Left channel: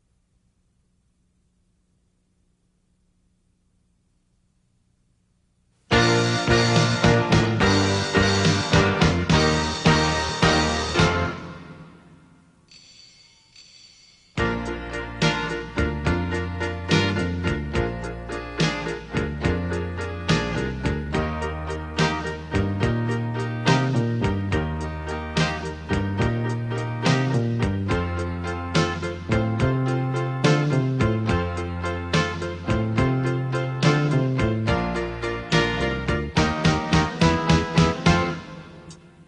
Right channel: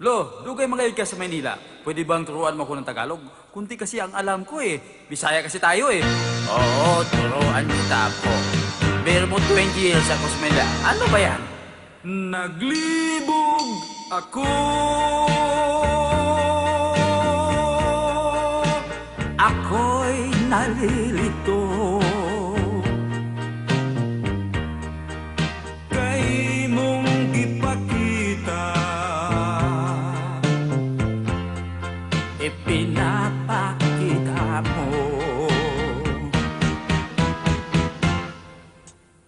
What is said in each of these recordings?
Lo, dugay mga ka sa Maynila. Pwede bang turuan mo ako ng Tagalog? Kunti kasi ang alam ko eh. Bisaya kasi tayo eh. Oo, turuan kita ako. Pero mo 20 years ako sa Manila. Ano ba yan? Naglibog ako. Ako'y nalilito. Kay mong ipakita. Ipinapakita mo.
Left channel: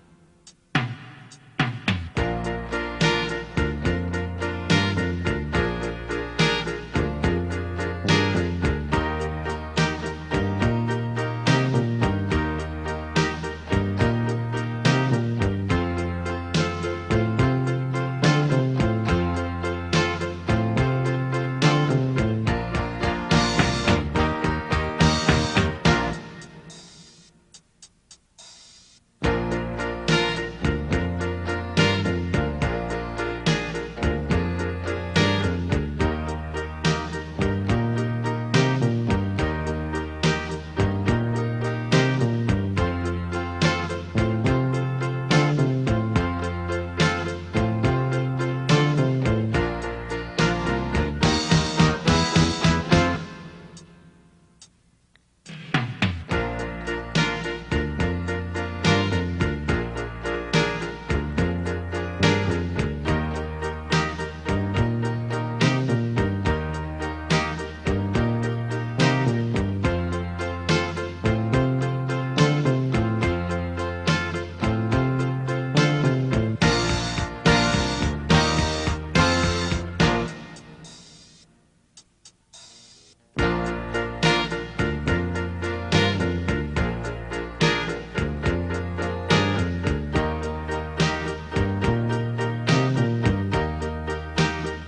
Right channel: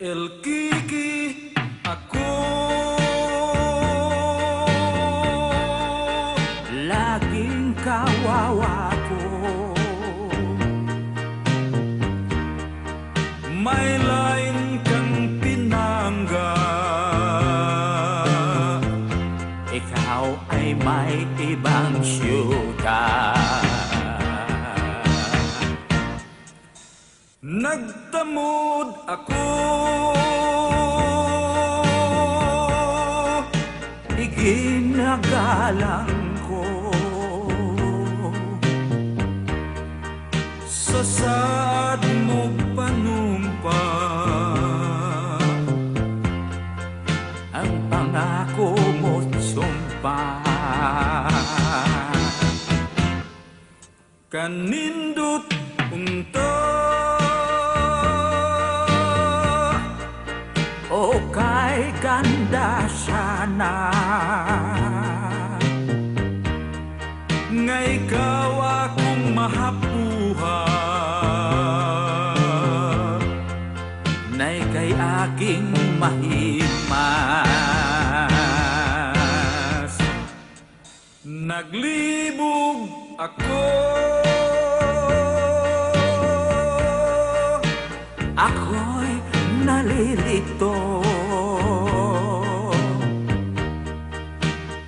El Kiki ako. Laging kawawa ko. May lain kang pinangga. Ikaw ay may ibang syuga. Nagtamod ako. Iginagalang ko sa saan mo panumpa ang pangako mo't sumpa. Kanindot unta o kay ganda sana nga ikaw akong mahapuhan na ika'y aking mahimas. Naglibog ako. Ako'y nalilito.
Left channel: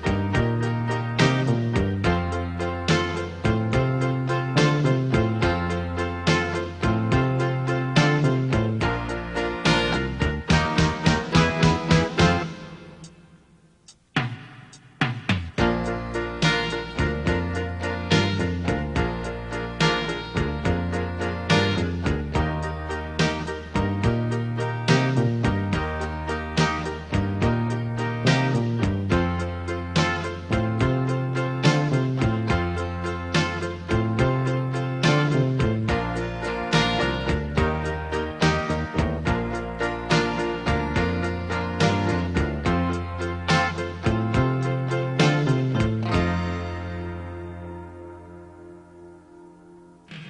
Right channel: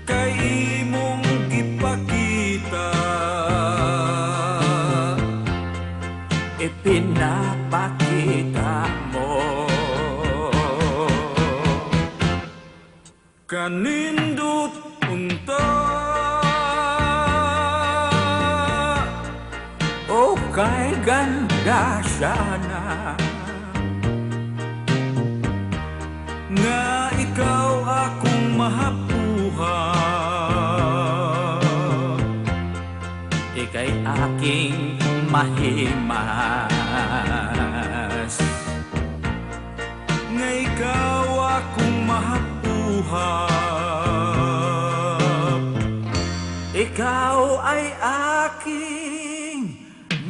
Kay mong ipakita. Ipinapakita mo. Kanindot unta o kay ganda sana nga ikaw akong mahapuhan, ika'y aking mahimas. Nga ikaw akong mahapuhan, ikaw ay aking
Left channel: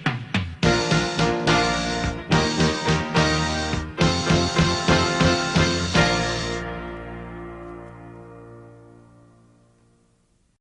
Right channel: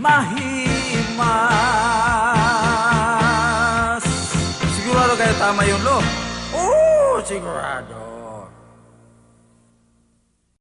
mahimas. Sigurado kayo tama yun, Lo? Oo, sigurado.